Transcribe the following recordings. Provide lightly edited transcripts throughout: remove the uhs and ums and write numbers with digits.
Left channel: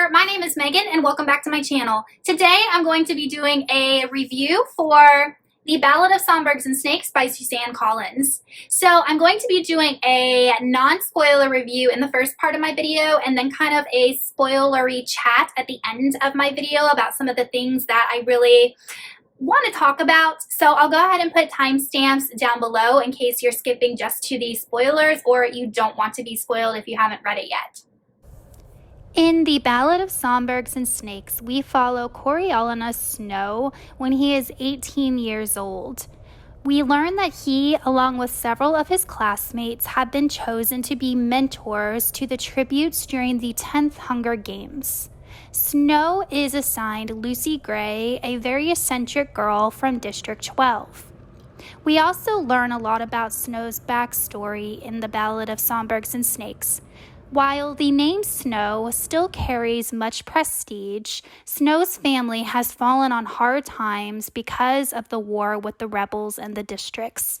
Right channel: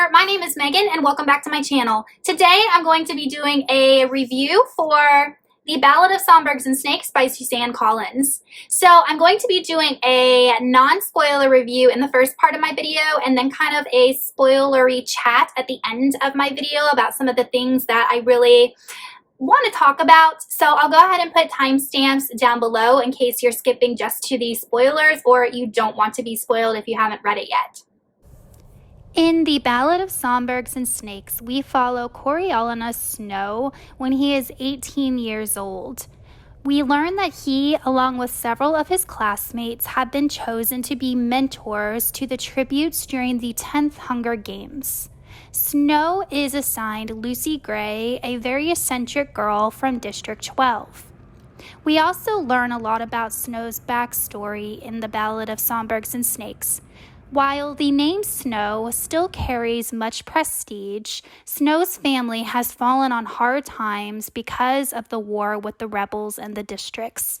there, my name is Megan and welcome back to my channel. Today I'm going to be doing a review for The Ballad of Songbirds and Snakes by Suzanne Collins. So I'm going to be doing a non-spoiler review in the first part of my video and then kind of a spoilery chat at the end of my video about some of the things that I really want to talk about. So I'll go ahead and put timestamps down below in case you're skipping just to the spoilers or you don't want to be spoiled if you haven't read it yet. In The Ballad of Songbirds and Snakes, we follow Coriolanus Snow when he is 18 years old. We learn that he, along with several of his classmates, have been chosen to be mentors to the tributes during the 10th Hunger Games. Snow is assigned Lucy Gray, a very eccentric girl from District 12. We also learn a lot about Snow's backstory in The Ballad of Songbirds and Snakes. While the name Snow still carries much prestige, Snow's family has fallen on hard times because of the war with the rebels and the districts.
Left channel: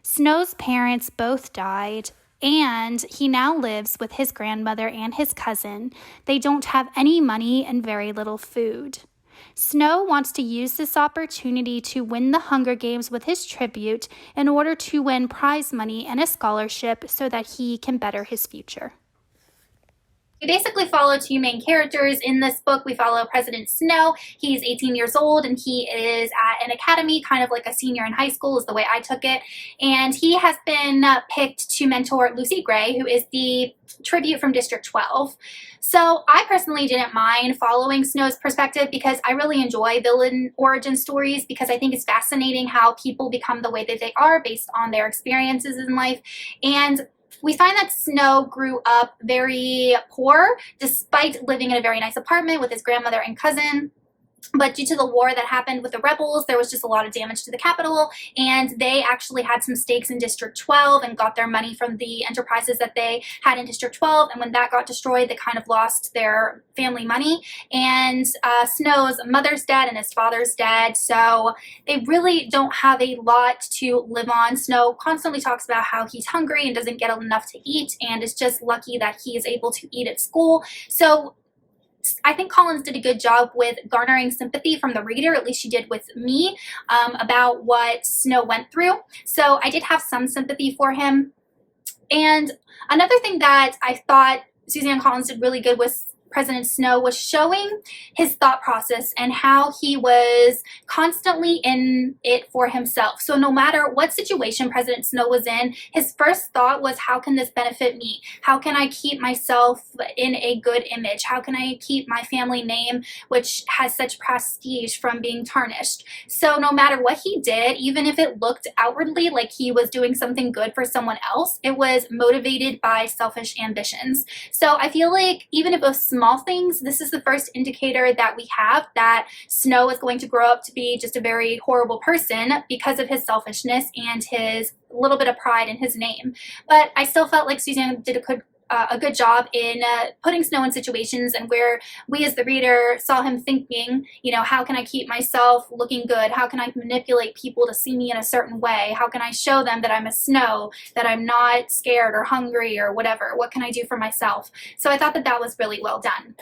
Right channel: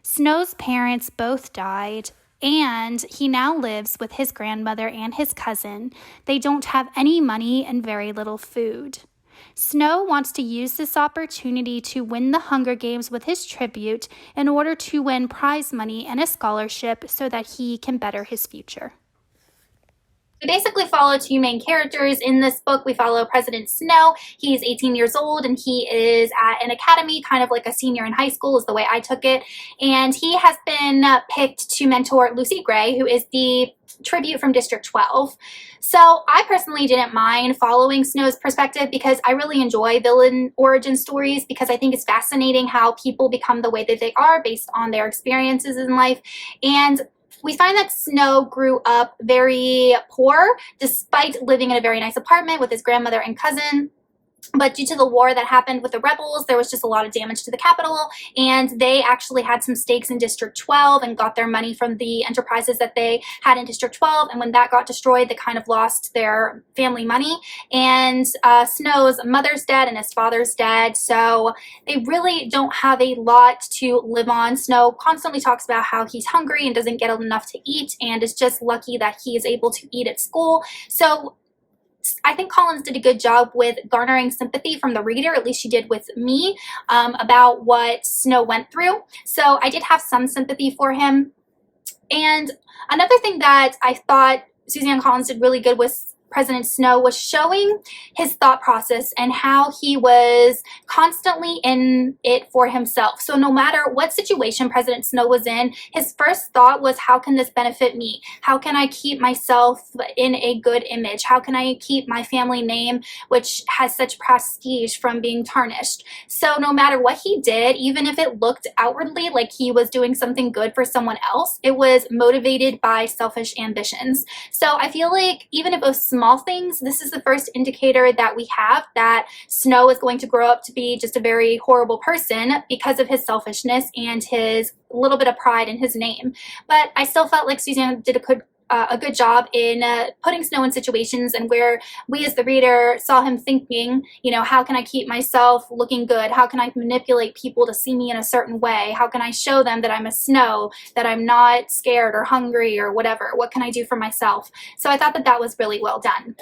Snow's parents both died, and he now lives with his grandmother and his cousin. They don't have any money and very little food. Snow wants to use this opportunity to win the Hunger Games with his tribute in order to win prize money and a scholarship so that he can better his future. We basically follow two main characters in this book. We follow President Snow. He's 18 years old and he is at an academy, kind of like a senior in high school is the way I took it. And he has been picked to mentor Lucy Gray, who is the tribute from District 12. So I personally didn't mind following Snow's perspective because I really enjoy villain origin stories because I think it's fascinating how people become the way that they are based on their experiences in life. And we find that Snow grew up very poor despite living in a very nice apartment with his grandmother and cousin. But due to the war that happened with the rebels, there was just a lot of damage to the capital, and they actually had some stakes in District 12 and got their money from the enterprises that they had in District 12, and when that got destroyed, they kind of lost their family money, and Snow's mother's dead and his father's dead, so they really don't have a lot to live on. Snow constantly talks about how he's hungry and doesn't get enough to eat, and is just lucky that he is able to eat at school. So I think Collins did a good job with garnering sympathy from the reader, at least she did with me, about what Snow went through. So I did have some sympathy for him. And another thing that I thought Suzanne Collins did really good with President Snow was showing his thought process and how he was constantly in it for himself. So no matter what situation President Snow was in, his first thought was, how can this benefit me? How can I keep myself in a good image? How can I keep my family name, which has such prestige, from being tarnished? So no matter what he did, even if it looked outwardly like he was doing something good for someone else, it was motivated by selfish ambitions. So I feel like even if it was small things, this is the first indicator that we have that Snow is going to grow up to be just a very horrible person because of his selfishness and his little bit of pride in his name. But I still felt like Suzanne did a good job in putting Snow in situations and where we as the reader saw him thinking, you know, how can I keep myself looking good? How can I manipulate people to see me in a certain way? How can I show them that I'm a Snow, that I'm not scared or hungry or whatever? What can I do for myself? So I thought that that was really well done.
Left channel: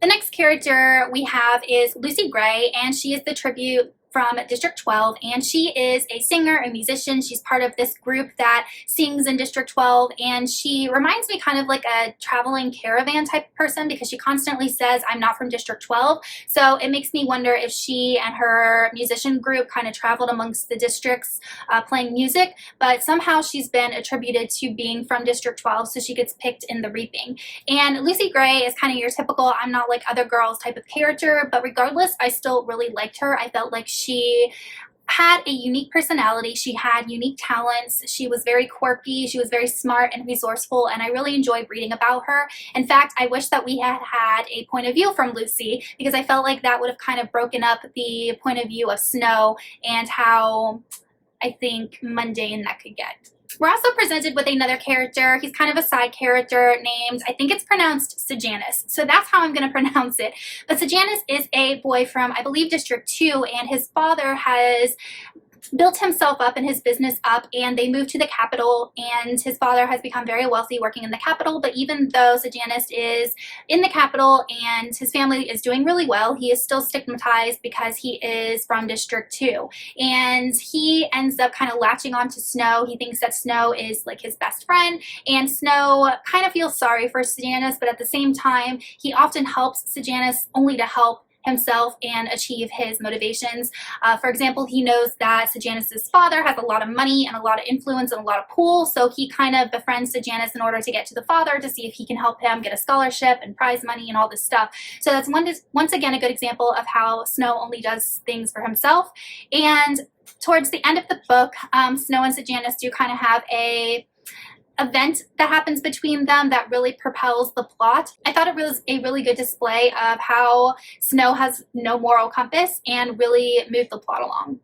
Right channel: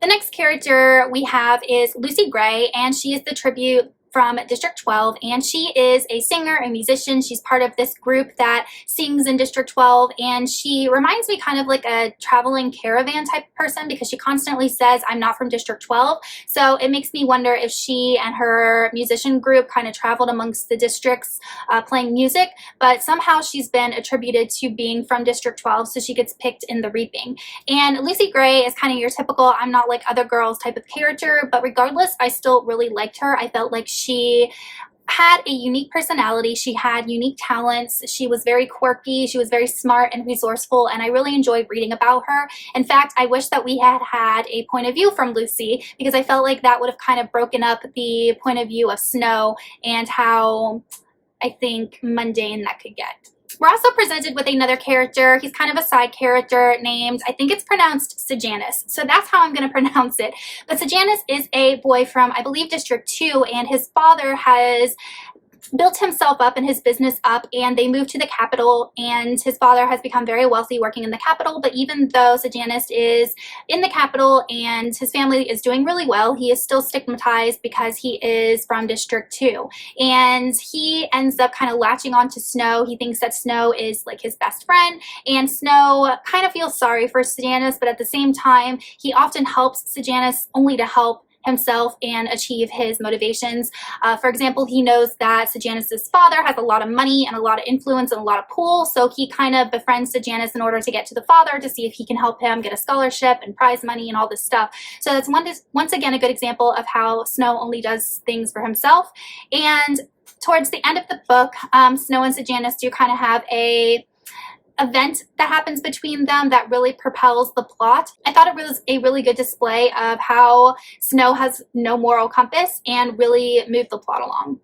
The next character we have is Lucy Gray, and she is the tribute from District 12, and she is a singer and musician. She's part of this group that sings in District 12, and she reminds me kind of like a traveling caravan type person because she constantly says, I'm not from District 12. So it makes me wonder if she and her musician group kind of traveled amongst the districts playing music, but somehow she's been attributed to being from District 12, so she gets picked in the reaping. And Lucy Gray is kind of your typical I'm not like other girls type of character, but regardless, I still really liked her. I felt like she had a unique personality. She had unique talents. She was very quirky. She was very smart and resourceful, and I really enjoyed reading about her. In fact, I wish that we had had a point of view from Lucy because I felt like that would have kind of broken up the point of view of Snow and how, I think, mundane that could get. We're also presented with another character. He's kind of a side character named, I think it's pronounced Sejanus. So that's how I'm going to pronounce it. But Sejanus is a boy from, I believe, District 2, and his father has built himself up and his business up, and they moved to the capital, and his father has become very wealthy working in the capital. But even though Sejanus is in the capital and his family is doing really well, he is still stigmatized because he is from District 2, and he ends up kind of latching on to Snow. He thinks that Snow is like his best friend, and Snow kind of feels sorry for Sejanus, but at the same time he often helps Sejanus only to help himself and achieve his motivations. For example, he knows that Sejanus' father has a lot of money and a lot of influence and a lot of pull, so he kind of befriends Sejanus in order to get to the father to see if he can help him get a scholarship and prize money and all this stuff. So that's once again a good example of how Snow only does things for himself. And towards the end of the book, Snow and Sejanus do kind of have a event that happens between them that really propels the plot. I thought it was a really good display of how Snow has no moral compass and really moved the plot along.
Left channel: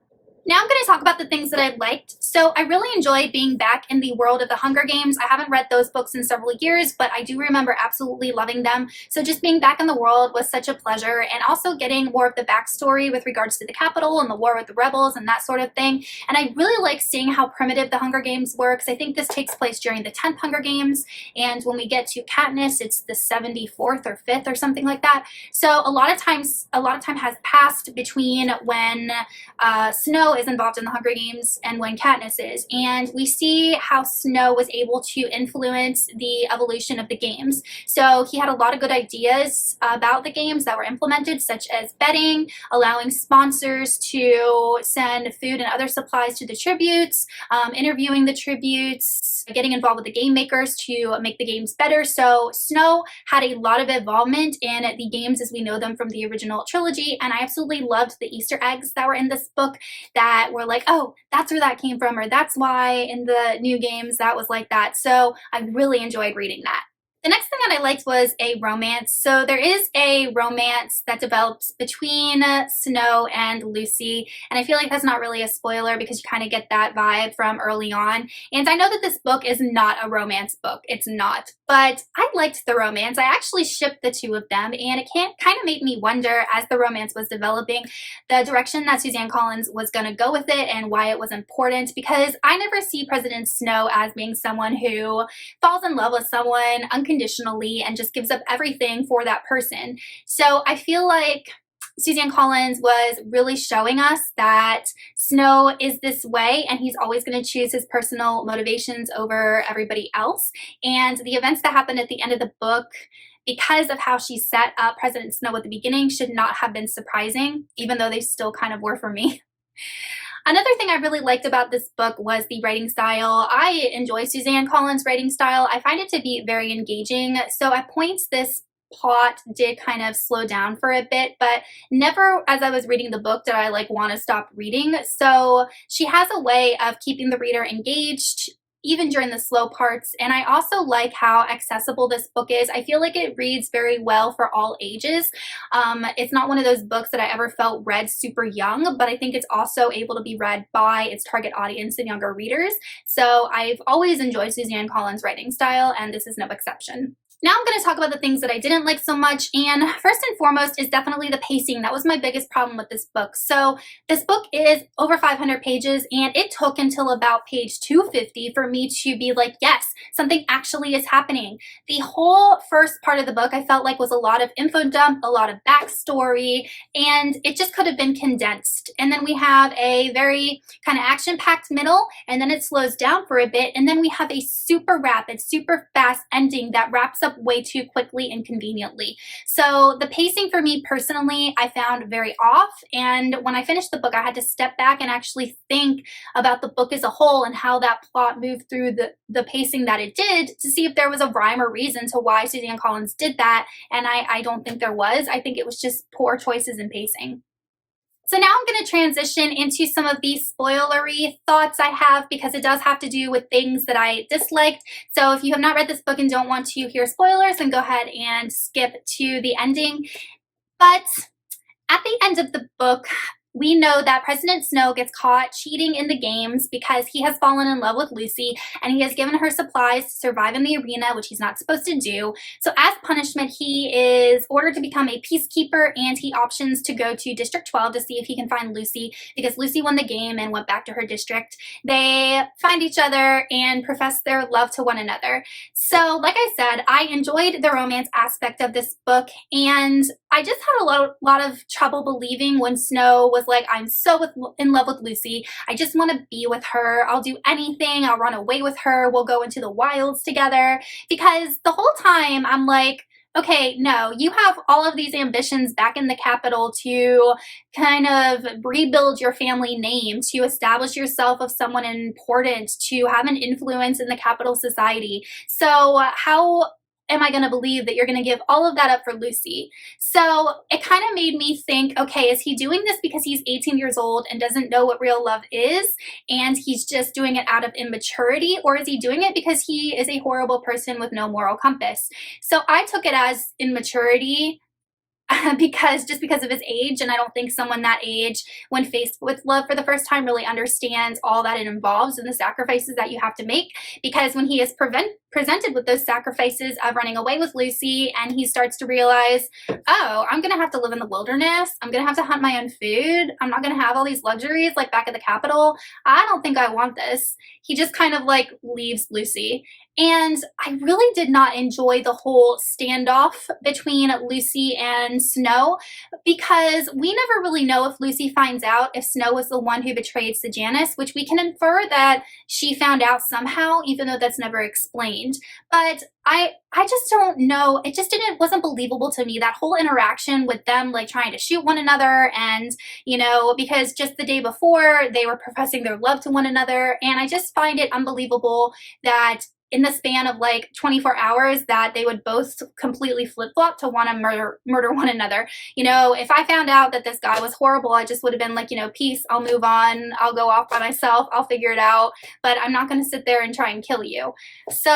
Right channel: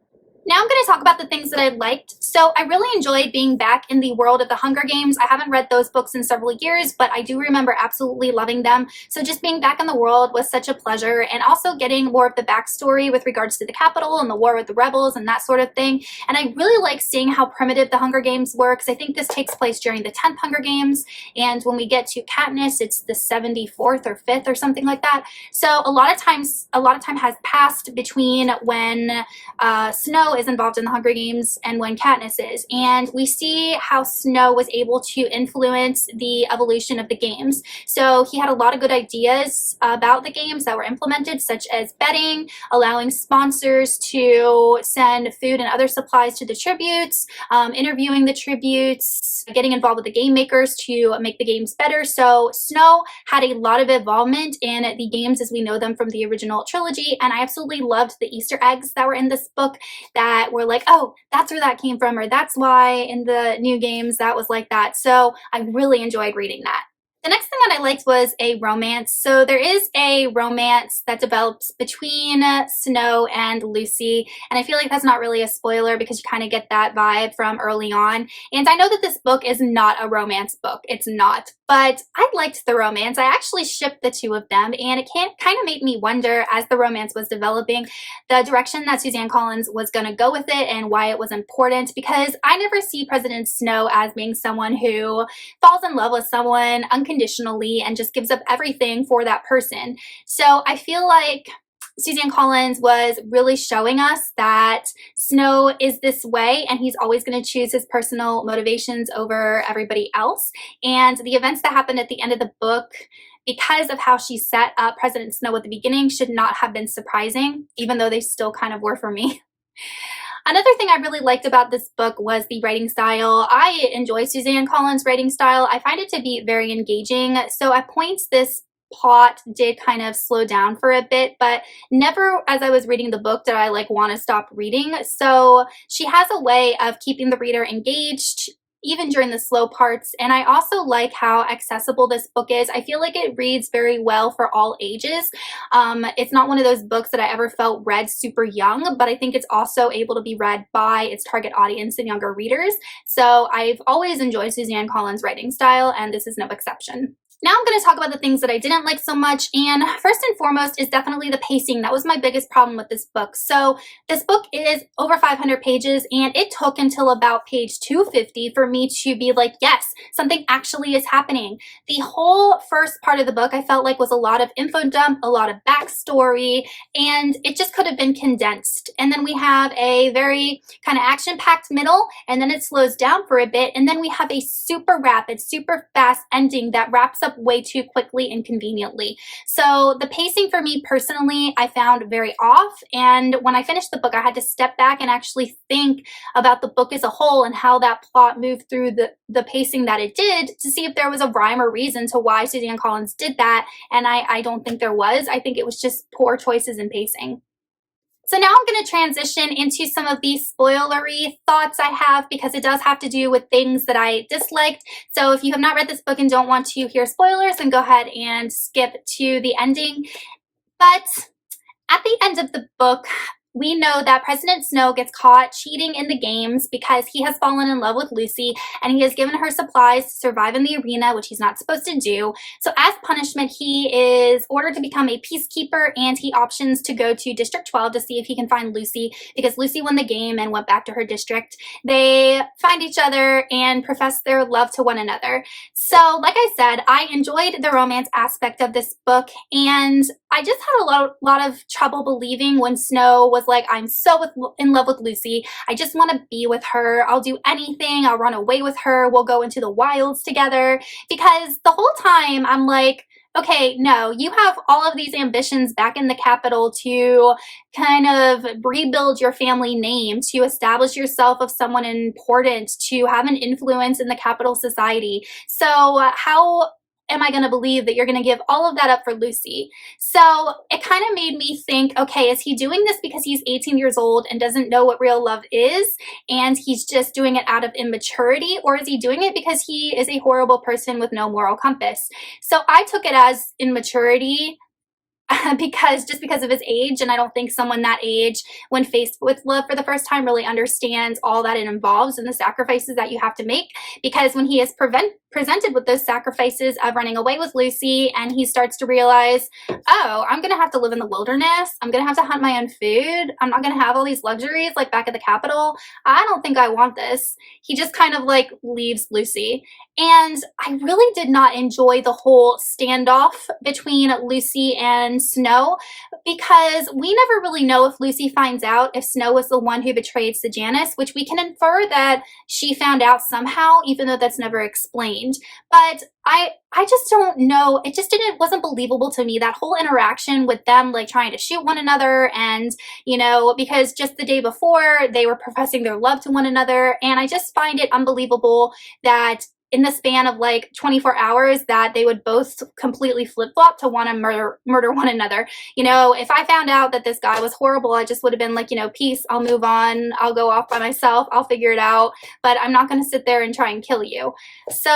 Now I'm going to talk about the things that I liked. So I really enjoyed being back in the world of the Hunger Games. I haven't read those books in several years, but I do remember absolutely loving them. So just being back in the world was such a pleasure, and also getting more of the backstory with regards to the capital and the war with the rebels and that sort of thing. And I really like seeing how primitive the Hunger Games were, because I think this takes place during the 10th Hunger Games, and when we get to Katniss, it's the 74th or 5th or something like that. So a lot of time has passed between when Snow is involved in the Hunger Games and when Katniss is, and we see how Snow was able to influence the evolution of the games. So he had a lot of good ideas about the games that were implemented, such as betting, allowing sponsors to send food and other supplies to the tributes, interviewing the tributes, getting involved with the game makers to make the games better. So Snow had a lot of involvement in the games as we know them from the original trilogy, and I absolutely loved the Easter eggs that were in this book that were like, oh, that's where that came from, or that's why in the new games that was like that. So I really enjoyed reading that. The next thing that I liked was a romance. So there is a romance that develops between Snow and Lucy, and I feel like that's not really a spoiler because you kind of get that vibe from early on. And I know that this book is not a romance book. It's not. But I liked the romance. I actually shipped the two of them, and it kind of made me wonder, as the romance was developing, the direction that Suzanne Collins was going to go with it and why it was important, because I never see President Snow as being someone who falls in love with someone unconditionally and just gives up everything for that person. So I feel like Suzanne Collins was really showing us that Snow is this way, and he's always going to choose his personal motivations over everybody else. And the events that happened at the end of the book, because of how she set up President Snow at the beginning, should not have been surprising, even though they still kind of were for me. Another thing I really liked about this book was the writing style. I enjoy Suzanne Collins' writing style. I find it to be very engaging. So at points, this plot did kind of slow down for a bit, but never as I was reading the book did I like want to stop reading. So she has a way of keeping the reader engaged even during the slow parts. And I also like how accessible this book is. I feel like it reads very well for all ages. It's not one of those books that I ever felt read super young, but I think it's also able to be read by its target audience and younger readers. So I've always enjoyed Suzanne Collins' writing style, and this is no exception. Now I'm going to talk about the things that I didn't like so much, and first and foremost is definitely the pacing. That was my biggest problem with this book. So this book is over 500 pages, and it took until about page 250 for me to be like, yes, something actually is happening. The whole first part of the book I felt like was a lot of info dump, a lot of backstory, and it just could have been condensed. And then we have a very kind of action-packed middle, and then it slows down for a bit, and then we have a super rapid, super fast ending that wraps up way too quickly and conveniently. So the pacing for me personally, I found very off. And when I finished the book, I had to step back and actually think about the book as a whole and how that plot moved through the pacing that it did to see if there was a rhyme or reason to why Suzanne Collins did that. And I don't think there was. I think it was just poor choices in pacing. So now I'm going to transition into some of the spoilery thoughts I have, because it does have to do with things that I disliked. So if you have not read this book and don't want to hear spoilers, then go ahead and skip to the ending. But at the end of the book, we know that President Snow gets caught cheating in the games because he has fallen in love with Lucy and he has given her supplies to survive in the arena, which he's not supposed to do. So as punishment, he is ordered to become a peacekeeper, and he options to go to District 12 to see if he can find Lucy because Lucy won the game and went back to her district. They find each other and profess their love to one another. So like I said, I enjoyed the romance aspect of this book, and I just had a lot of trouble believing when Snow was like, I'm so in love with Lucy. I just want to be with her. I'll do anything. I'll run away with her. We'll go into the wilds together. Because the whole time I'm like, okay, no, you have all of these ambitions back in the capital to kind of rebuild your family name, to establish yourself as someone important, to have an influence in the capital society. So how am I going to believe that you're going to give all of that up for Lucy? So it kind of made me think, okay, is he doing this because he's 18 years old and doesn't know what real love is, and he's just doing it out of immaturity, or is he doing it because he is a horrible person with no moral compass? So I took it as immaturity, because of his age, and I don't think someone that age, when faced with love for the first time, really understands all that it involves and the sacrifices that you have to make. Because when he is presented with those sacrifices of running away with Lucy, and he starts to realize, oh, I'm gonna have to live in the wilderness, I'm gonna have to hunt my own food, I'm not gonna have all these luxuries like back at the capital, I don't think I want this. He just kind of like leaves Lucy. And I really did not enjoy the whole standoff between Lucy and Snow, because we never really know if Lucy finds out if Snow was the one who betrayed Sejanus, which we can infer that she found out somehow, even though that's never explained. But I just don't know. It just wasn't believable to me, that whole interaction with them like trying to shoot one another, and because just the day before they were professing their love to one another. And I just find it unbelievable that in the span of like 24 hours that they would both completely flip-flop to want to murder one another. If I found out that this guy was horrible, I just would have been like, peace, I'll move on, I'll go off by myself, I'll figure it out, but I'm not going to sit there and try and kill you. So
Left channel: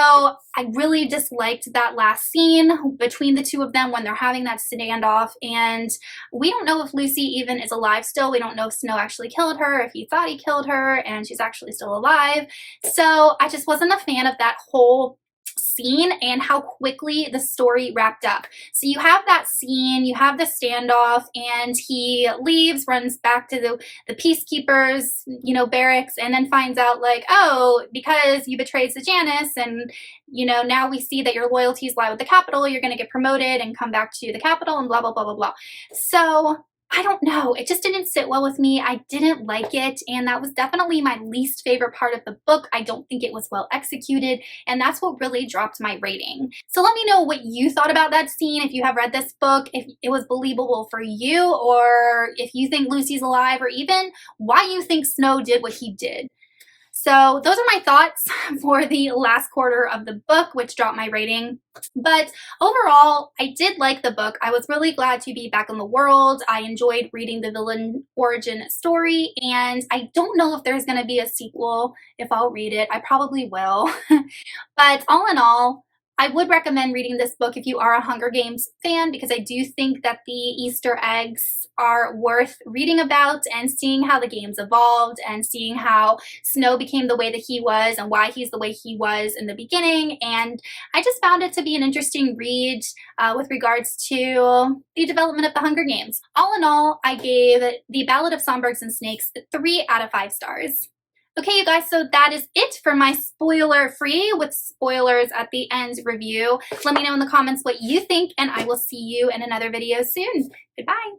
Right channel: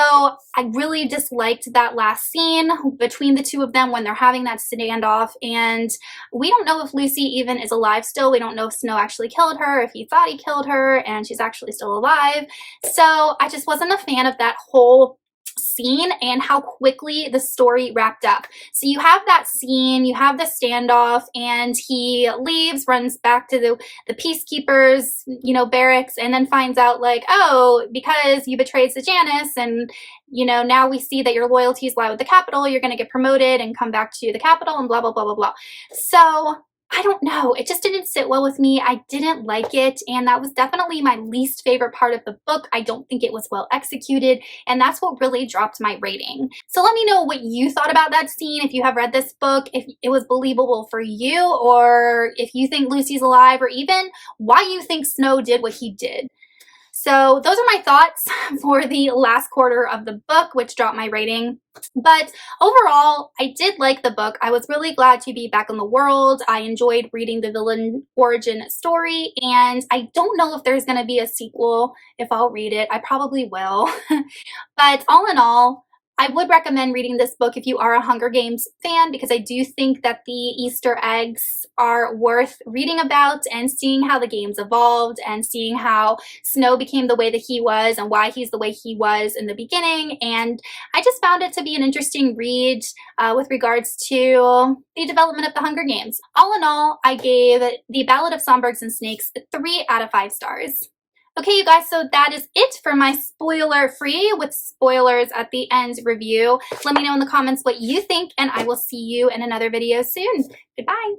I really disliked that last scene between the two of them when they're having that standoff, and we don't know if Lucy even is alive still. We don't know if Snow actually killed her, if he thought he killed her and she's actually still alive. So I just wasn't a fan of that whole scene and how quickly the story wrapped up. So you have that scene, you have the standoff, and he leaves, runs back to the peacekeepers, barracks, and then finds out like, oh, because you betrayed Sejanus, and now we see that your loyalties lie with the capital, you're going to get promoted and come back to the capital, and blah, blah, blah, blah, blah. So I don't know. It just didn't sit well with me. I didn't like it, and that was definitely my least favorite part of the book. I don't think it was well executed, and that's what really dropped my rating. So let me know what you thought about that scene, if you have read this book, if it was believable for you, or if you think Lucy's alive, or even why you think Snow did what he did. So those are my thoughts for the last quarter of the book, which dropped my rating. But overall, I did like the book. I was really glad to be back in the world. I enjoyed reading the villain origin story, and I don't know if there's going to be a sequel. If I'll read it, I probably will. But all in all, I would recommend reading this book if you are a Hunger Games fan, because I do think that the Easter eggs are worth reading about and seeing how the games evolved and seeing how Snow became the way that he was and why he's the way he was in the beginning. And I just found it to be an interesting read with regards to the development of the Hunger Games. All in all, I gave The Ballad of Songbirds and Snakes 3 out of 5 stars. Okay, you guys, so that is it for my spoiler-free with spoilers at the end review. Let me know in the comments what you think, and I will see you in another video soon. Goodbye.